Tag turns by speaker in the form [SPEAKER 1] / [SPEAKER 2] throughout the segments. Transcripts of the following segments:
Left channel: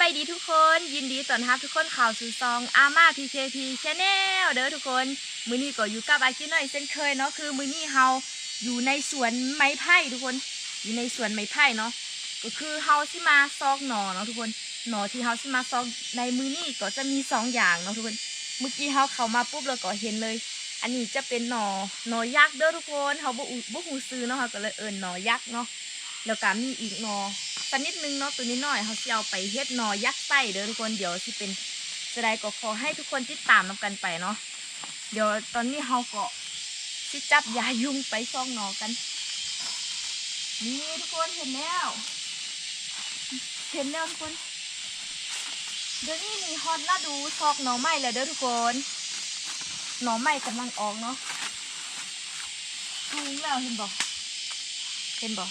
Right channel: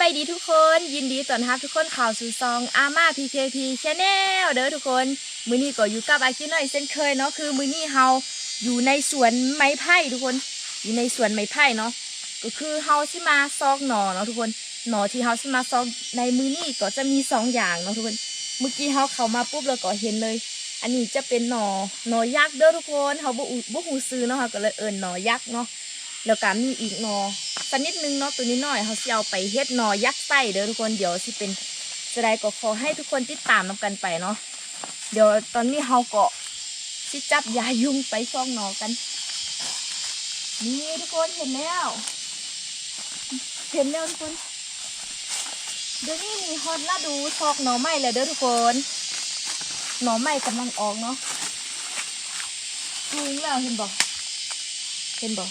[SPEAKER 1] บายดีทุกคนยินดีต้อนรับทุกคนข่าวสู่ซองอาม่า PKP Channel เด้อทุกคน มือนี้ก็อยู่กับอากิน้อยเช่นเคยเนาะคือมือนี้เฮาอยู่ในสวนไม้ไผ่ทุกคน อยู่ในสวนไม้ไผ่เนาะก็คือเฮาสิมาซอกหน่อเนาะทุกคนหน่อที่เฮาสิมาซอกในมือนี้ก็จะมีสองอย่างเนาะทุกคน เมื่อกี้เฮาเข้ามาปุ๊บเราก็เห็นเลย อันนี้จะเป็นหน่อหน่อยักษ์เด้อทุกคนเฮาบ่บ่ฮู้ซื้อเนาะเฮาก็เลยเอิ้นหน่อยักษ์เนาะแล้วก็มีอีกหน่อ สักนิดนึงเนาะตัวนี้หน่อยเฮาสิเอาไปเฮ็ดหน่อยักษ์ไส้เด้อทุกคนเดี๋ยวสิเป็นจะได้ก็ขอให้ทุกคนติดตามนํกันไปเนาะเดี๋ยวตอนนี้เฮาก็สิจับยายุงไปซ่องหน่อกัน นี่ทุกคนเห็นแล้ว เห็นแล้วทุกคนเดี๋ยวนี้มีฮอตฤดูซอกหน่อไม้เลยเด้อทุกคนหน่อไม้กำลังออกเนาะสูงแล้วเห็นบอกเห็นบอก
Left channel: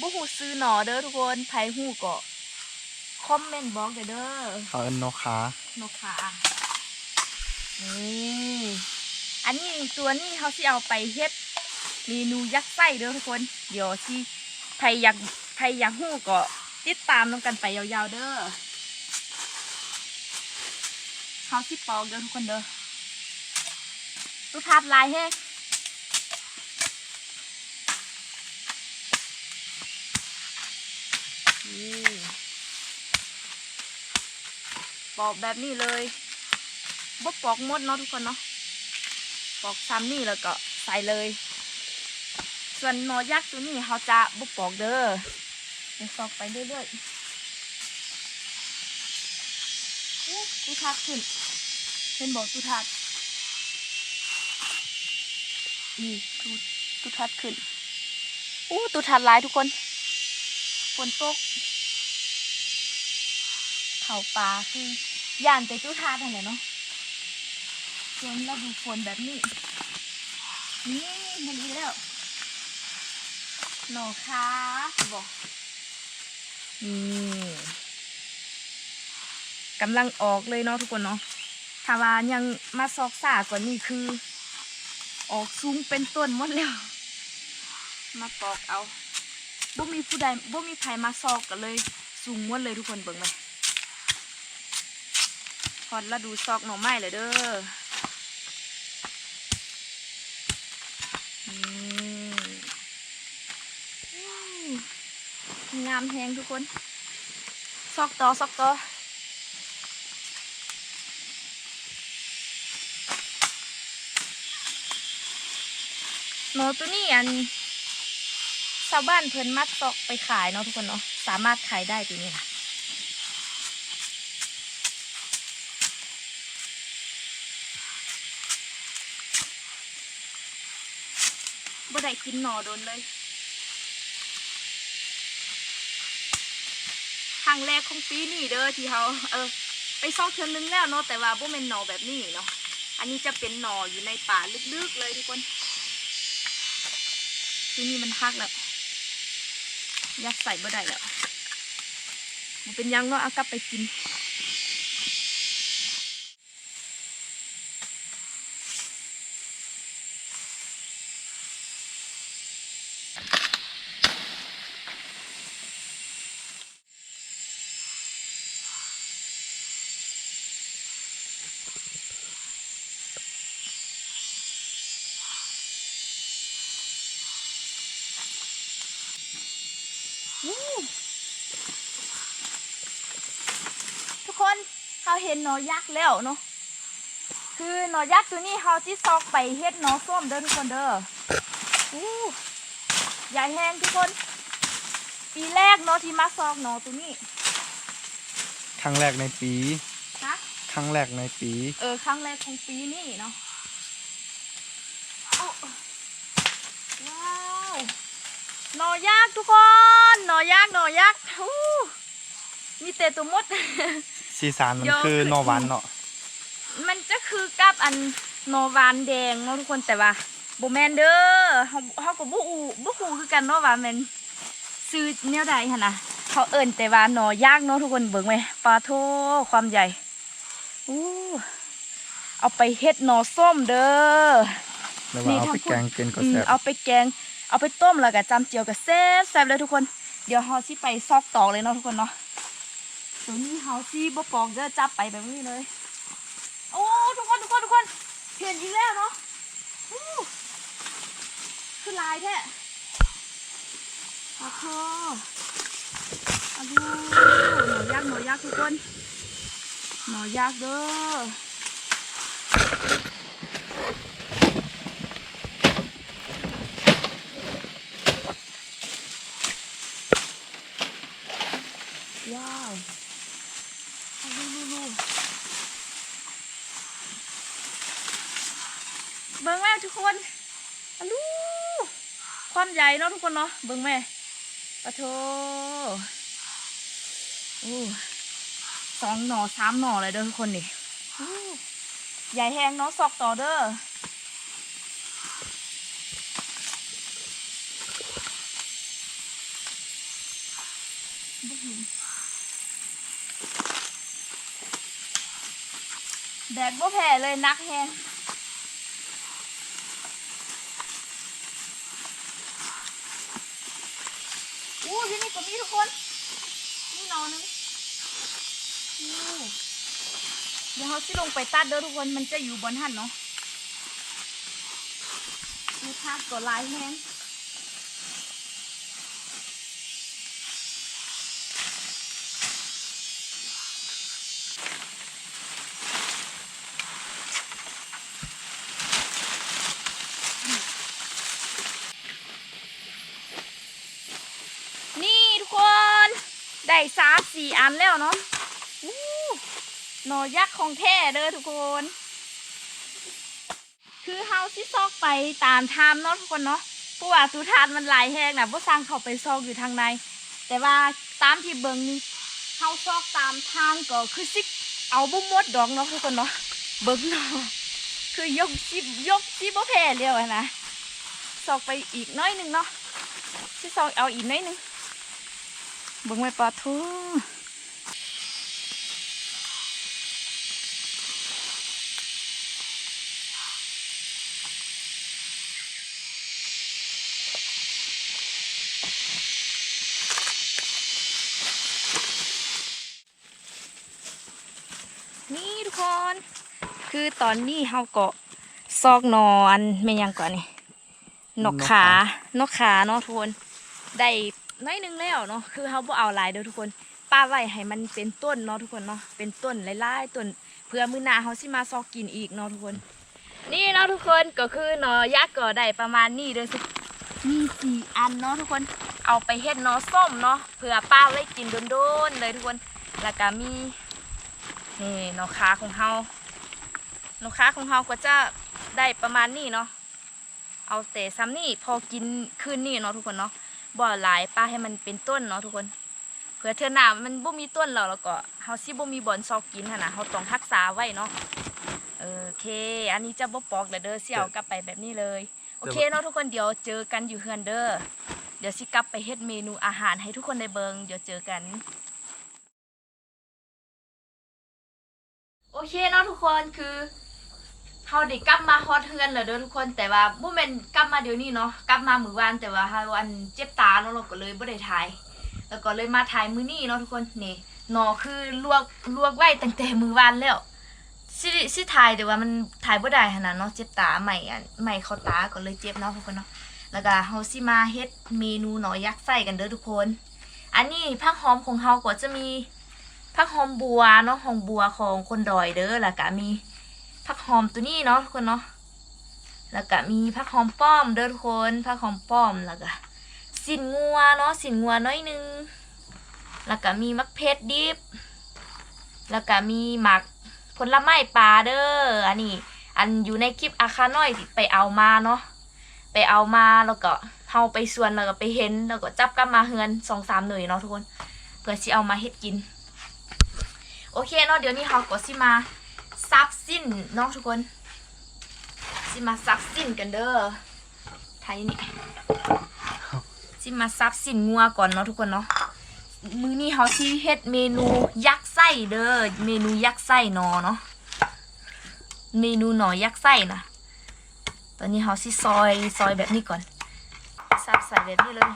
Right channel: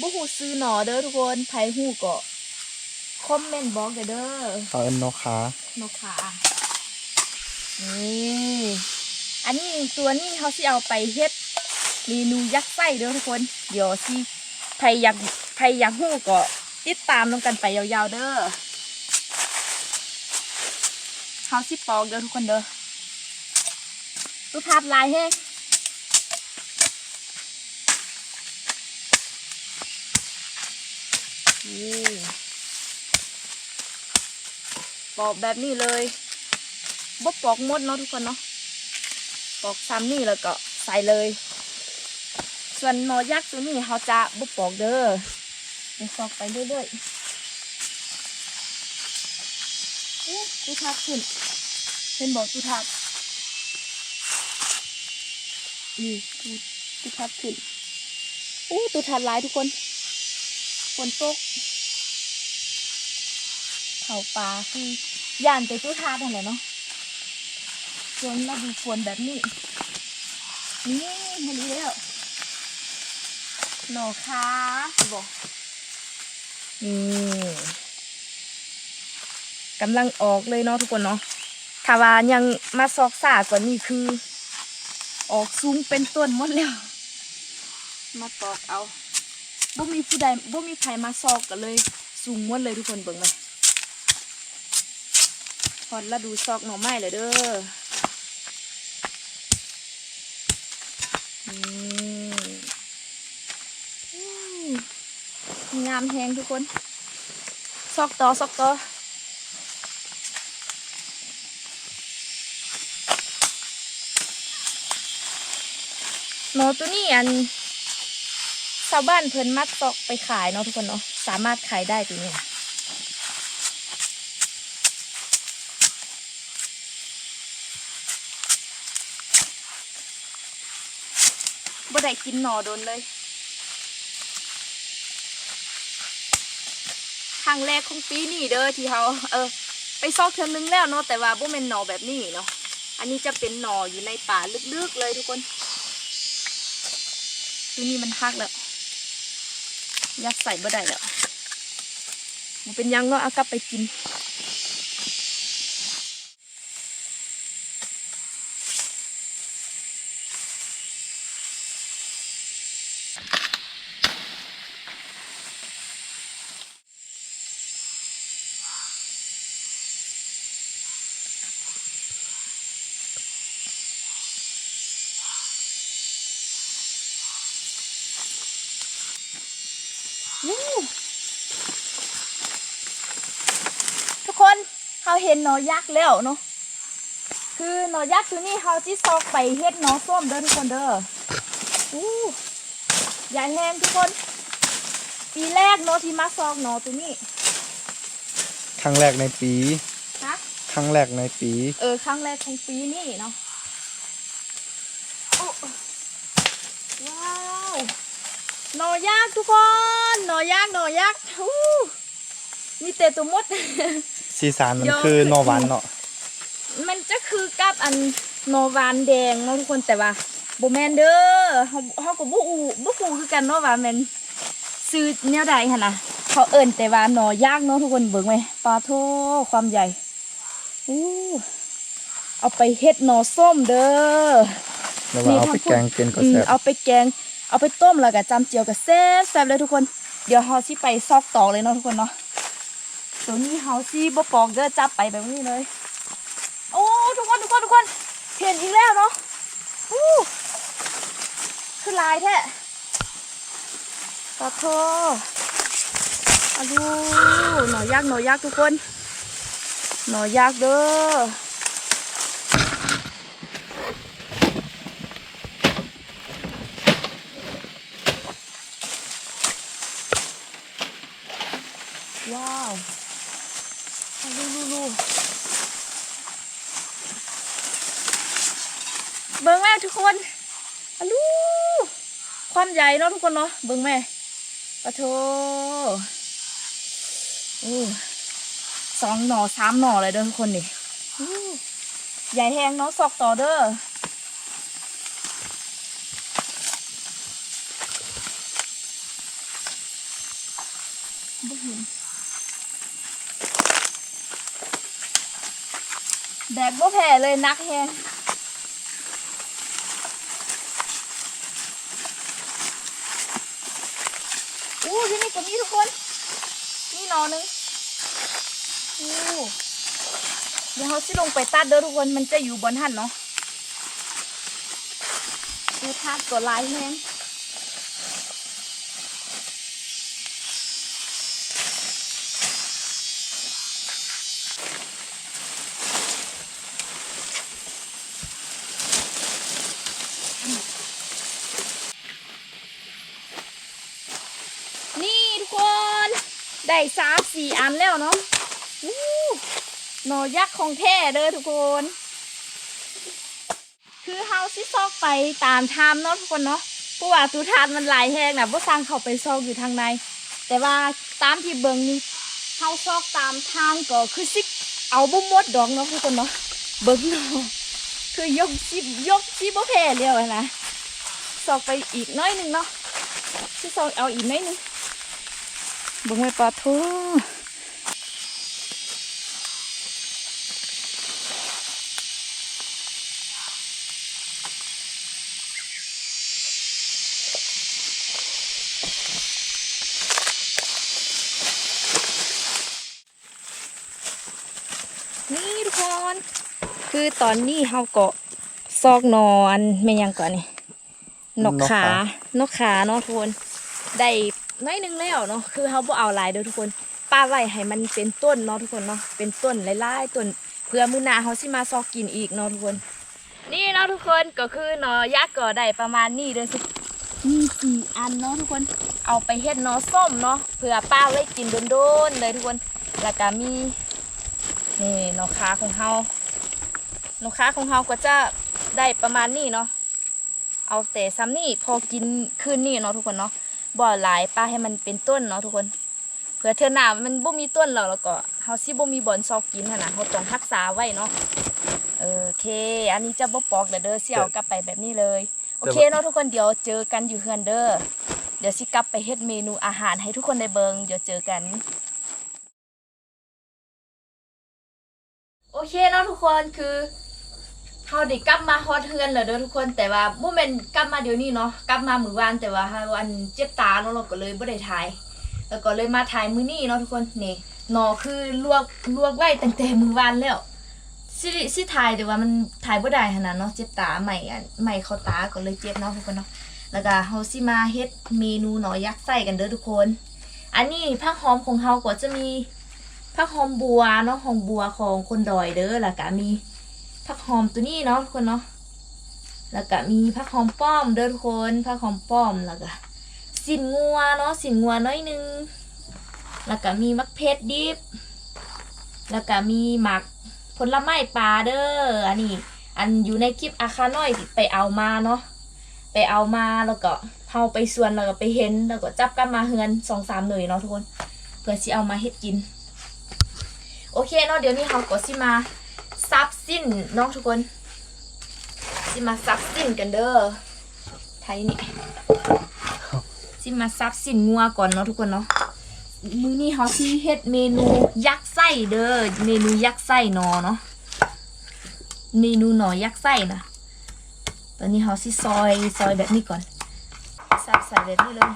[SPEAKER 1] บุหูซื้อหน่อเด้อทุกคนไผหูก็คอมเมนต์บอกเด้อเด้อ
[SPEAKER 2] เขาเอินนกขา
[SPEAKER 1] นกขานี่อันนี้ตัวนี้เขาสิเอาไปเฮ็ดเมนูยักษ์ไส้เด้อทุกคน เดี๋ยวสิใครอยากใครอยากหู้ก็ติดตามน้องกันไปยาวๆเด้อเขาสิปอกเด้อทุกคนเด้อตุทัดลายแห้ นี่ปอกแบบนี้เลยบ่ปอกมดเนาะทุกคนเนาะปอกซ้ำนี่แล้วก็ใส่เลย ส่วนหนอยักษ์ตัวนี้เขาจะบ่ปอกเด้อเดี๋ยวซอกไปเรื่อยๆอู้ตุทัดขึ้นเห็นบอกตุทัดนี่ตุตุทัดขึ้นอู้ตุทัดหลายทุกคน ฝนตกเขาปลาคือย่านไปตุทัดอะไรเนาะส่วนเราดูฝนแบบนี้ นี่เห็นแล้วหนอคะบอกนี่กำลังออกเลยเนาะทุกคนเนาะถ้าว่ายังมาซอกสากว่านี้คือ ออกสูงเป็นต้นหมดแล้ว มาปอกเอา บ่มีผู้ใดบ่มีใครมาซอกกันเลยสูงหมดเลยทุกคนเบิ่งไหมพอดละดูซอกหน่อไม้เลยเด้อนี่อืมงามแหงทุกคน ซอกต่อซอกต่อหนอตัวนี้อัน ชาวบ้านเพิ่นมัดซอกไปขายเนาะทุกคนเนาะสามารถขายได้ตัวนี้นะบ่ได้กินหนอโดนเลยครั้งแรกของปีนี้เด้อที่เขาเออ ไปซอกเทือนึงแล้วเนาะแต่ว่าบ่แม่นหนอแบบนี้เนาะอันนี้จะเป็นหนออยู่ในป่าลึกๆเลยทุกคนตัวนี้มันฮักแล้ว ยัดใส่บ่ได้แล้วมันเป็นยังเนาะเอากลับไปกิน วู้ทุกคน เขาเห็นหนอยักษ์แล้วเนาะคือหนอยักษ์ตัวนี้เขาที่ซอกไปเฮ็ดหนอส้มเด้อทุกคนเด้อวู้ใหญ่แห้งทุกคน ปีแรกเนาะที่มาซอกหนอตัวนี้
[SPEAKER 2] ครั้งแรกในปี
[SPEAKER 1] นะ
[SPEAKER 2] ครั้งแรกในปี
[SPEAKER 1] เออครั้งแรกของปีนี้เนาะโอ้ว้าว หนอยักษ์ทุกคน หนอยักษ์หนอยักษ์ฮู้มีแต่ตัวมด
[SPEAKER 2] สีสานมัน
[SPEAKER 1] เยอะ
[SPEAKER 2] คือนอหวานเนาะ
[SPEAKER 1] มันจะคือกับอันโนวานแดงเนาะทุกคนแต่ว่าโบแมนเด้อเฮาเฮาก็บ่อูบ่ฮู้คือกันเนาะว่าแม่นซื้อแนวใดหั่นน่ะเขาเอิ้นแต่ว่าหนอย่างเนาะทุกคนเบิ่งไหมปลาโทความใหญ่อู้เอาไปเฮ็ดหนอส้มเด้อ
[SPEAKER 2] แล้วว่าเอาไปแกงเป็นก็
[SPEAKER 1] อืม
[SPEAKER 2] แซ่บ
[SPEAKER 1] เอาไปแกงเอาไปต้มแล้วก็จำเจียวกับแซ่บแซ่บเลยทุกคน เดี๋ยวเฮาสิไปซอกตอกเลยเนาะทุกคนเนาะ ตัวนี้เฮาซี่บ่ปอกเด้อจับไปแบบนี้เลย โอ้ทุกคนทุกคนทุกคน เห็นอีกแล้วเนาะอู้คือลายแท้ขอโทษอาดูหน่อยยักหน่อยยักทุกคน หน่อยยักเด้อว้าวเอาดูดูดูเบิ่งแม่ ทุกคนอะลูความใหญ่เนาะทุกคนเนาะเบิ่งแม่ปะโถโอ้สองหน่อสามหน่อเลยเด้อทุกคนนี่ใหญ่แหงเนาะซอกต่อเด้อแบกบ่แผ่เลยนักแฮงอู้ที่นี่ก็มีทุก คนนี่นอนึงอู้เดี๋ยวเขาสิลงไปตัดเด้อทุกคนมันจะอยู่บนหันเนาะดูทาดตัวลายแห้ง นี่ทุกคน ได้สามสี่อันแล้วเนาะหนอยักษ์ของแท้เด้อทุกคน คือเฮาสิซอกไปตามทามเนาะทุกคนเนาะเพราะว่าตูทานมันหลายแหงนะบ่สร้างเขาไปซอกอยู่ทางใน แต่ว่าตามที่เบิงนี่เฮาซอกตามทางก็คือสิเอาบ่หมดดอกเนาะทุกคนเนาะเบิงเนาะคือยกสิบยกสิบ่แพ้แล้วนะซอกไปอีกน้อยหนึงเนาะสิซอกเอาอีกน้อยหนึง บิ่งไว้ปลาทูนี่ทุกคน คือตอนนี้เฮาก็ซอกนอนไม่ยังก่อนนี่นกขานกขาเนาะทุกคน ได้ น้อยหนึงแล้วเนาะคือเขาบ่เอาหลายเด้อทุกคนป้าไว้ให้มันเป็นต้นเนาะทุกคนเนาะเป็นต้นหลายๆต้นเพื่อมื้อหน้าเขาสิมาซอกกินอีกเนาะทุกคน นี่เนาะทุกคนก็คือหนอยักษ์ก็ได้ประมาณนี้เด้อสิมีสี่อันเนาะทุกคนเอาไปเฮ็ดหนอส้มเนาะเพื่อป้าไว้กินโดนๆเลยทุกคนแล้วก็มีนี่หนอขาของเฮาหนอขาของเฮาก็จะได้ประมาณนี้เนาะเอาแต่ซ้ำนี่พอกินคืนนี้เนาะทุกคนเนาะ บ่อหลายป้าให้มันเป็นต้นเนาะทุกคน เผื่อเธอหนามันบ่มีต้นหรอกแล้วก็เฮาสิบ่มีบ่อนซอกกินหั่นน่ะเฮาต้องรักษาไว้เนาะโอเค อันนี้จะบ่ปอกแล้วเด้อสิเอากลับไปแบบนี้เลย โอเคเนาะทุกคนเดี๋ยวเจอกันอยู่เฮือนเด้อ เดี๋ยวสิกลับไปเฮ็ดเมนูอาหารให้ทุกคนได้เบิงเดี๋ยวเจอกันโอเคเนาะทุกคนคือ เฮาได้กลับมาฮอดเฮือนแล้วเด้อทุกคนแต่ว่าบ่แม่นกลับมาเดี๋ยวนี้เนาะกลับมามื้อวานแต่ว่าเฮาอันเจ็บตาเนาะเราก็เลยบ่ได้ถ่าย แล้วก็เลยมาถ่ายมื้อนี้เนาะทุกคนนี่หนอคือลวกลวกไว้ตั้งแต่มื้อวานแล้วสิสิถ่ายแต่ว่ามันถ่ายบ่ได้ขนาดเนาะเจ็บตาใหม่อันใหม่เข้าตาก็เลยเจ็บเนาะทุกคนเนาะแล้วก็เฮาสิมาเฮ็ดเมนูหนอยักษ์ไส้กันเด้อทุกคน อันนี้ผักหอมของเฮาก็จะมีผักหอมบัวเนาะหอมบัวของคนดอยเด้อแล้วก็มี ผักหอมตัวนี้เนาะทุกคนเนาะแล้วก็มีผักหอมป้อมเด้อทุกคนผักหอมป้อมแล้วก็สินงัวเนาะสินงัวน้อยนึงแล้วก็มีมะเพชรดิบ แล้วก็มีหมักผลไม้ปลาเด้ออันนี้ อันอยู่ในคลิปอาคาน้อยไปเอามาเนาะไปเอามาแล้วก็เฮาไปสวนแล้วก็ไปเห็นแล้วก็จับกลับมาเฮือนสองสามหน่วยเนาะทุกคนเพื่อสิเอามาเฮ็ดกิน โอเคเนาะเดี๋ยวนี้เฮาก็สิมา ซับสิ้นเนาะทุกคนสิมาซับสิ้นกันเด้อไทยนี่สิมาซับสิ้นงัวก่อนเนาะทุกคนเนาะมื้อนี้เขาสิเฮ็ดเมนูยักษ์ไส้เด้อเมนูยักษ์ไส้หนอเนาะเมนูหนอยักษ์ไส้นะตอนนี้เขาสิซอยซอยแบบนี้ก่อนซับใส่แบบนี้เลย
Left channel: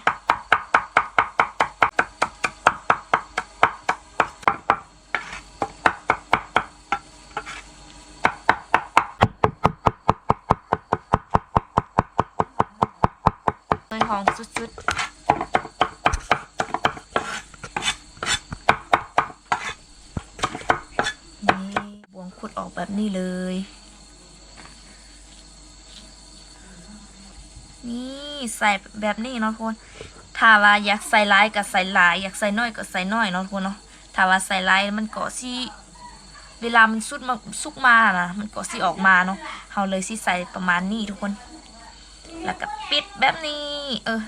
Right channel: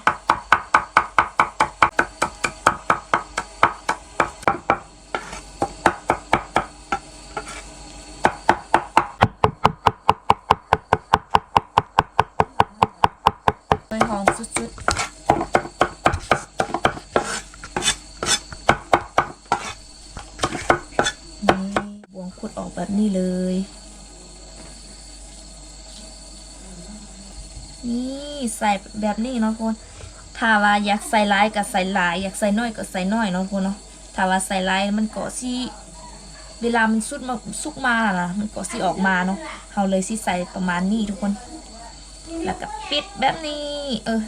[SPEAKER 1] ขุดออกแบบนี้เลย นี่ ใส่แบบนี้เนาะทุกคนถ้าว่าอยากใส่หลายก็ใส่หลาย อยากใส่น้อยก็ใส่น้อยเนาะทุกคนเนาะถ้าว่าใส่หลายมันก็สิเวลามันสุดมาสุกมานะมันก็สิออกมาเนาะเฮาเลยสิใส่ประมาณนี้ทุกคน แล้วก็ปิดแบบนี้ เออ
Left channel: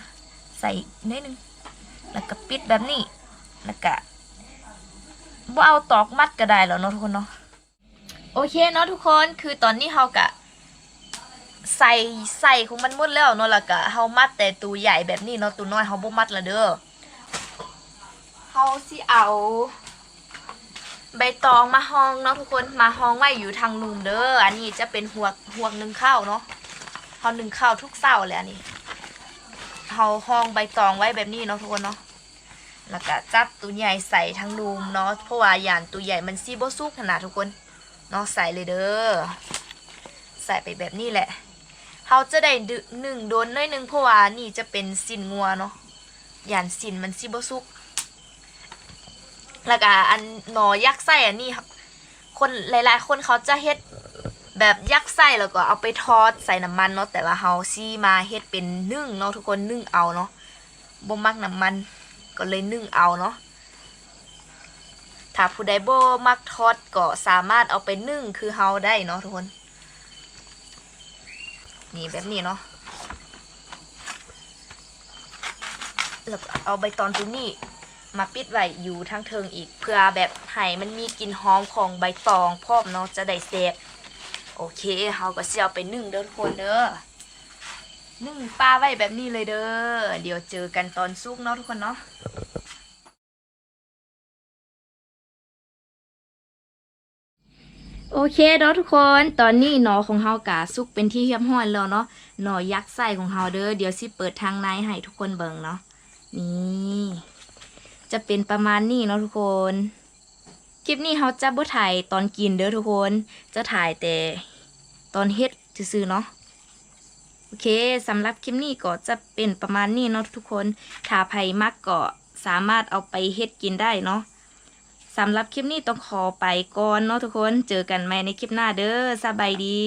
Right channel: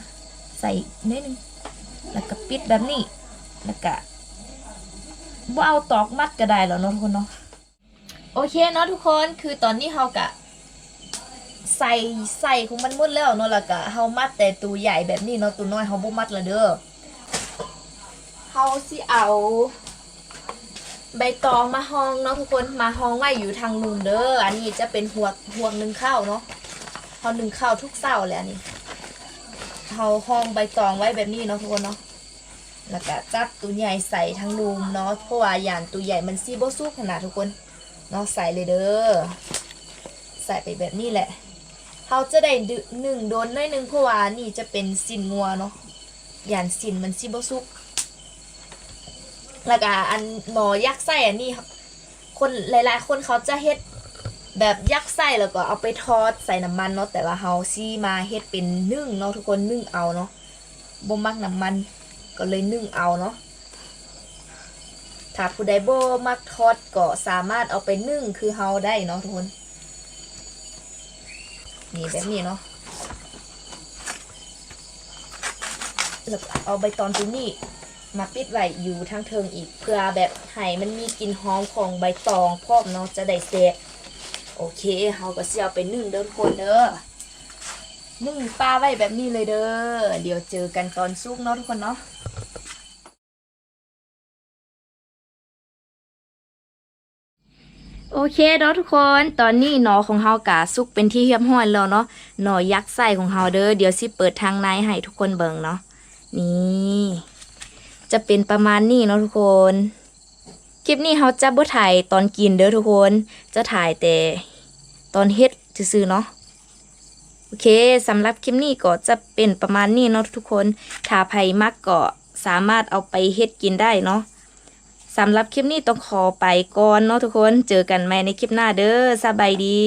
[SPEAKER 1] ใส่นิดนึงแล้วก็ปิดแบบนี้ แล้วก็บ่เอาตอกมัดก็ได้แล้วเนาะทุกคนเนาะโอเคเนาะทุกคนคือตอนนี้เฮากะ ใส่ใส่ของมันหมดแล้วเนาะแล้วก็เฮามัดแต่ตัวใหญ่แบบนี้เนาะตัวน้อยเฮาบ่มัดละเด้อเฮาสิเอา ใบตองมาห้องเนาะทุกคนมาห้องไว้อยู่ทางนูนเด้ออันนี้จะเป็นหัวหัวหนึ่งข้าวเนาะเฮาหนึ่งข้าวทุกเช้าเลยอันนี้เฮาห้องใบตองไว้แบบนี้เนาะทุกคนเนาะแล้วก็จับตัวใหญ่ใส่ทางนูมเนาะเพราะว่าอย่างตัวใหญ่มันซีบ่สุกขนาดทุกคนเนาะใส่เลยเด้อใส่ไปแบบนี้แหละ เขาจะได้ดึหนึ่งโดนหน้อยหนึ่งเพราะว่านี่จะเป็นสินงัวเนาะยานสินมันซิบซุก แล้วก็อันหนอยักษ์ไส้อันนี้ครับ คนหลายๆ คนเขาจะเฮ็ดแบบยักษ์ไส้แล้วก็เอาไปทอดใส่น้ำมันเนาะแต่ว่าเฮาซี่มาเฮ็ดเป็นนึ่งเนาะทุกคนนึ่งเอาเนาะบ่มักน้ำมันก็เลยนึ่งเอาเนาะถ้าผู้ใดบ่มักทอดก็สามารถเอาไปนึ่งคือเฮาได้เนาะทุกคน นี่แบบนี้เนาะแล้วเอาใบตองตัวนี้มาปิดไว้อยู่ทางเทิงอีก เพื่อแบบให้มันมีกลิ่นหอมของใบตองพร้อมเนาะจะได้เซฟโอเคเฮาก็สิเอาไปนึ่งเด้อทุกคนเด้อนึ่งปลาไว้แบบนี้เลยเด้อเดี๋ยวเจอกันตอนซุกเนาะทุกคนเนาะ โอเคเนาะทุกคนตอนนี้หนอของเฮากะสุกเป็นที่เรียบร้อยแล้วเนาะหนอยักษ์ไส้ของเฮาเด้อเดี๋ยวสิเปิดทางในให้ทุกคนเบิ่งเนาะนี่จะเป็นประมาณนี้เนาะทุกคน คลิปนี้เฮาจะบ่ถ่ายตอนกินเด้อทุกคน จะถ่ายแต่ตอนเฮ็ดซื่อๆเนาะโอเคสำหรับคลิปนี้ก็จะเป็นประมาณนี้เนาะทุกคนถ้าใครมักก็สามารถเอาไปเฮ็ดกินได้เนาะ สำหรับคลิปนี้ต้องขอไปก่อนเนาะทุกคน เจอกันใหม่ในคลิปหน้าเด้อสบายดี